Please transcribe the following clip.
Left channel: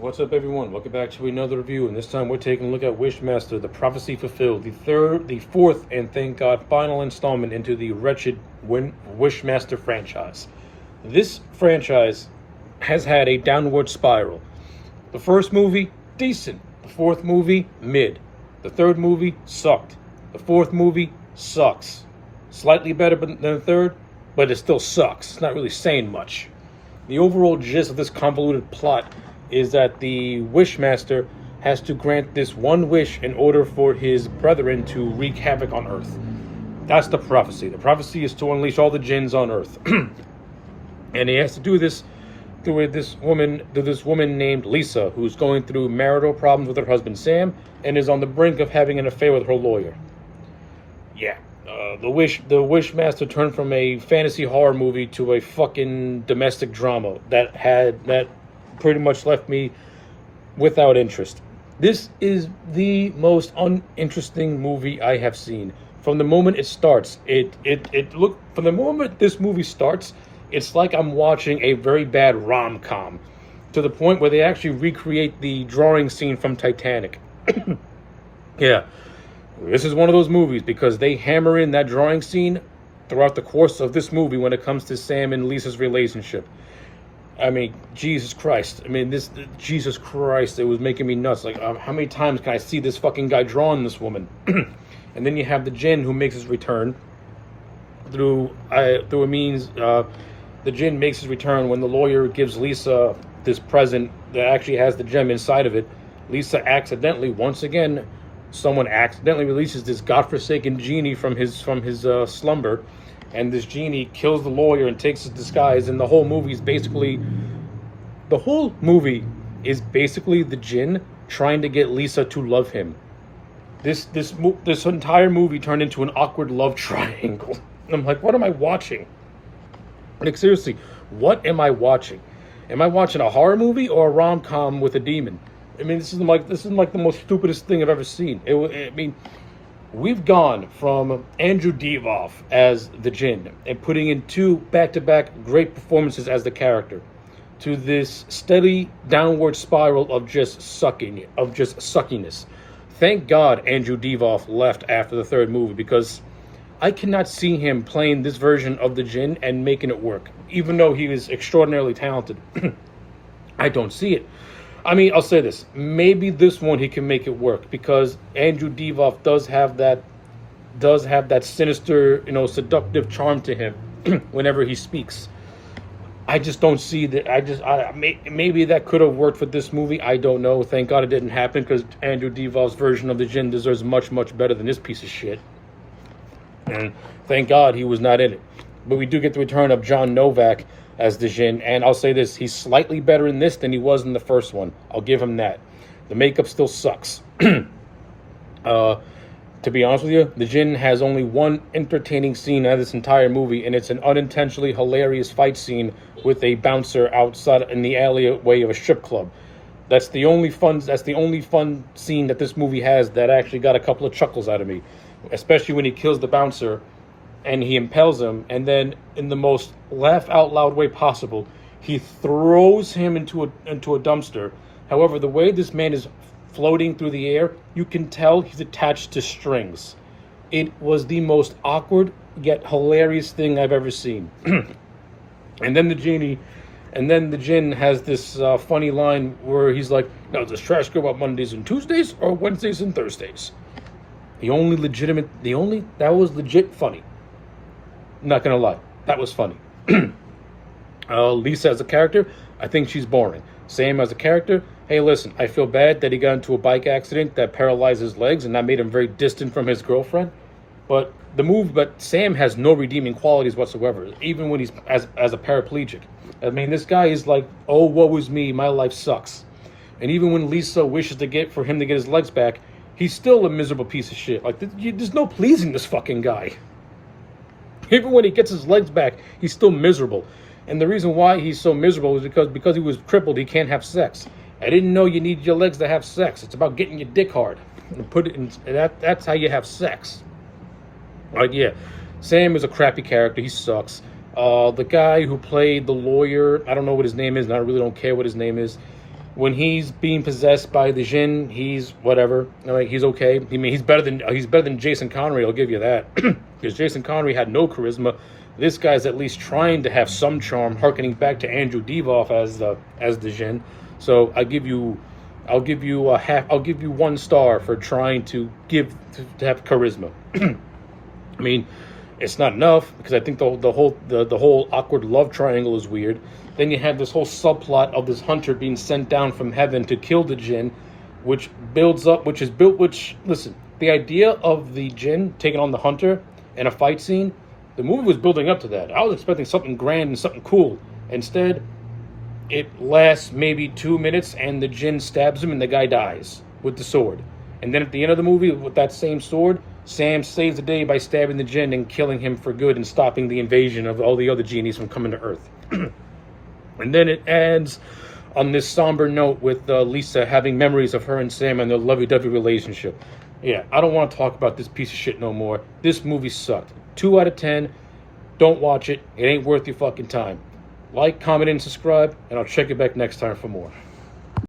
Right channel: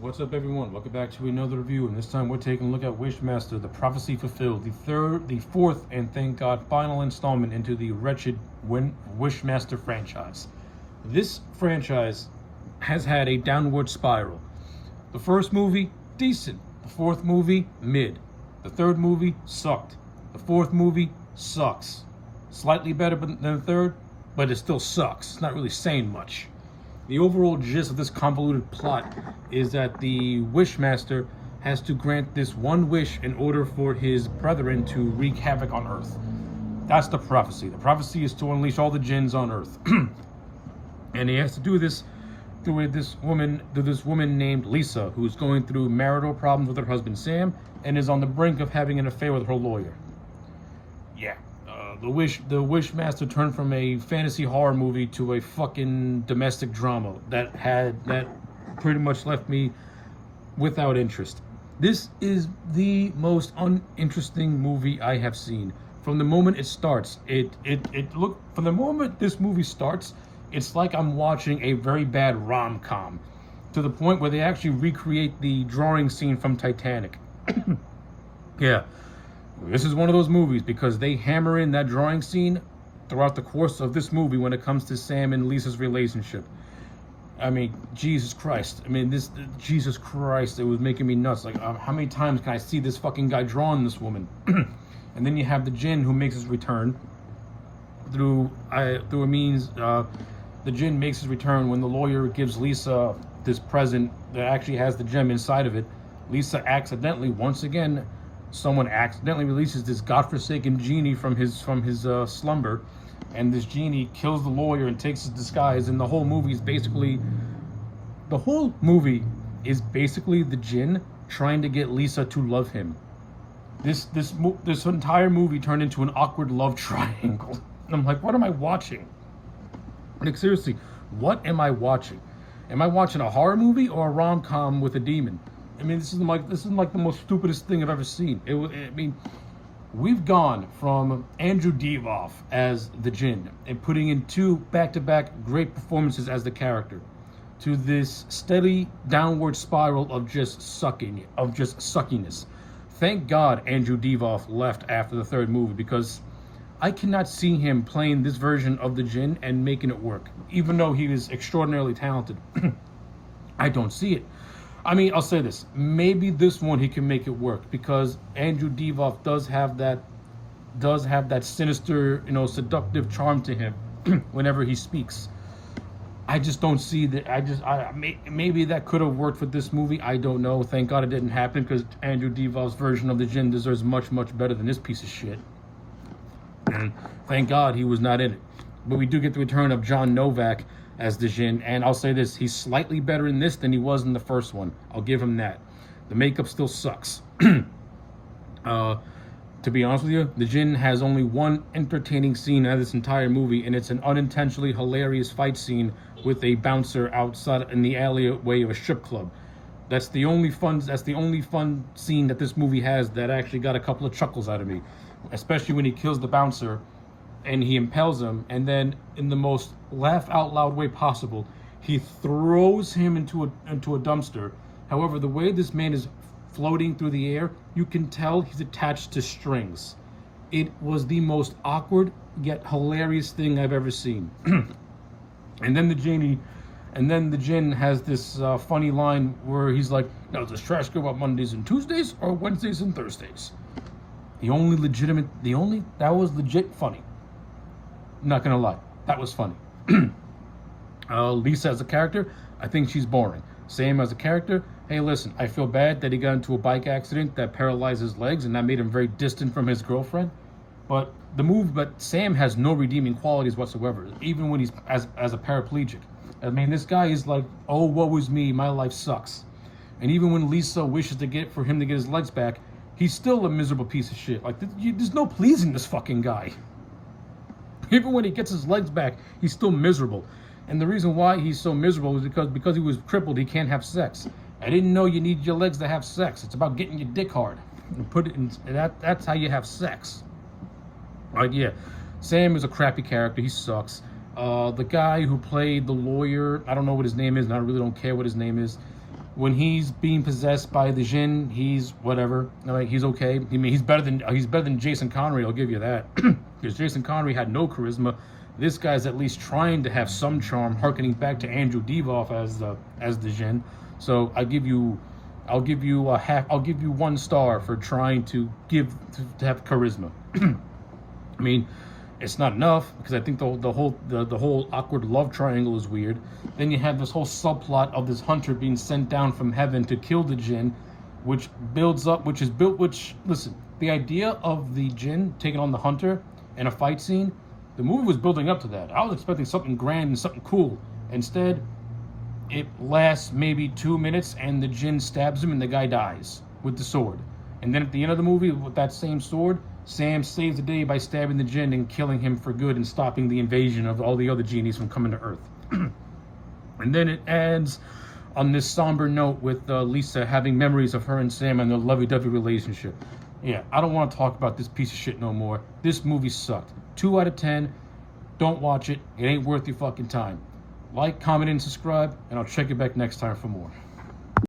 What's up, everyone? Welcome back to another review, and this time we're taking a look at Wishmaster, the Prophecy Fulfilled, the fourth, and thank God, final installment into the wretched Wishmaster franchise. This franchise has had a downward spiral. The first movie, decent. The fourth movie, mid. The third movie, sucked. The fourth movie, sucks. Slightly better than the third, but it still sucks. It's not really saying much. The overall gist of this convoluted plot is that the Wishmaster has to grant this one wish in order for his brethren to wreak havoc on Earth. That's the prophecy. The prophecy is to unleash all the jinns on Earth. And he has to do this through this woman named Lisa, who's going through marital problems with her husband Sam and is on the brink of having an affair with her lawyer. Yeah. The Wishmaster turned from a fantasy horror movie to a fucking domestic drama that pretty much left me without interest. This is the most uninteresting movie I have seen. From the moment it starts, from the moment this movie starts, it's like I'm watching a very bad rom-com, to the point where they actually recreate the drawing scene from Titanic. Yeah. This is one of those movies because they hammer in that drawing scene throughout the course of this movie when it comes to Sam and Lisa's relationship. I mean, Jesus Christ. Jesus Christ, it was making me nuts. Like, how many times can I see this fucking guy drawing this woman? And then you have the Jinn who makes his return the Jinn makes his return when the lawyer gives Lisa this present that actually has the gem inside of it. Lisa accidentally, once again, someone accidentally releases this godforsaken genie from his slumber, and this genie kills the lawyer and takes his disguise. And the whole movie is basically the Jinn trying to get Lisa to love him. This entire movie turned into an awkward love triangle. And I'm like, what am I watching? Like, seriously, what am I watching? Am I watching a horror movie or a rom-com with a demon? I mean, this is like the most stupidest thing I've ever seen. We've gone from Andrew Divoff as the Jinn and putting in two back-to-back great performances as the character, to this steady downward spiral of just suckiness. Thank God Andrew Divoff left after the third movie, because I cannot see him playing this version of the Jinn and making it work, even though he is extraordinarily talented. I don't see it. I mean, I'll say this. Maybe this one he can make it work, because Andrew Divoff does have that sinister, seductive charm to him whenever he speaks. I just don't see that. Maybe that could have worked for this movie. I don't know. Thank God it didn't happen, because Andrew Divoff's version of the Jinn deserves much, much better than this piece of shit. And thank God he was not in it. But we do get the return of John Novak as the Jinn, and I'll say this, he's slightly better in this than he was in the first one. I'll give him that. The makeup still sucks. To be honest with you, the Jinn has only one entertaining scene out of this entire movie, and it's an unintentionally hilarious fight scene with a bouncer outside in the alleyway of a strip club. That's the only fun scene that this movie has that actually got a couple of chuckles out of me, especially when he kills the bouncer and he impales him, and then in the most laugh out loud way possible, he throws him into a dumpster. However, the way this man is floating through the air, you can tell he's attached to strings. It was the most awkward yet hilarious thing I've ever seen. And then the Jinn has this funny line where he's like, "Now, does trash go up Mondays and Tuesdays or Wednesdays and Thursdays?" That was legit funny. Not gonna lie, that was funny. Lisa as a character, I think she's boring. Sam as a character, hey, listen, I feel bad that he got into a bike accident that paralyzed his legs and that made him very distant from his girlfriend. But Sam has no redeeming qualities whatsoever, even when he's as a paraplegic. I mean, this guy is like, oh, woe is me, my life sucks. And even when Lisa wishes for him to get his legs back, he's still a miserable piece of shit. Like, there's no pleasing this fucking guy. Even when he gets his legs back, he's still miserable. And the reason why he's so miserable is because he was crippled, he can't have sex. I didn't know you need your legs to have sex. It's about getting your dick hard. That's how you have sex. Like, yeah, Sam is a crappy character. He sucks. The guy who played the lawyer, I don't know what his name is, and I really don't care what his name is. when he's being possessed by the Jinn, he's whatever. Like, he's okay. I mean, he's better than Jason Connery. I'll give you that, because Jason Connery had no charisma. This guy's at least trying to have some charm, harkening back to Andrew Divoff as the Jinn. So I'll give you 1 star for trying to have charisma. I mean, it's not enough, because I think the whole awkward love triangle is weird. Then you have this whole subplot of this hunter being sent down from heaven to kill the Jinn, which listen, the idea of the Jinn taking on the hunter in a fight scene, the movie was building up to that. I was expecting something grand and something cool. Instead, it lasts maybe 2 minutes, and the Jinn stabs him, and the guy dies with the sword. And then at the end of the movie, with that same sword, Sam saves the day by stabbing the Jinn and killing him for good, and stopping the invasion of all the other genies from coming to Earth. And then it adds on this somber note with Lisa having memories of her and Sam and their lovey-dovey relationship. Yeah, I don't want to talk about this piece of shit no more. This movie sucked. 2 out of 10. Don't watch it. It ain't worth your fucking time. Like, comment, and subscribe, and I'll check you back next time for more.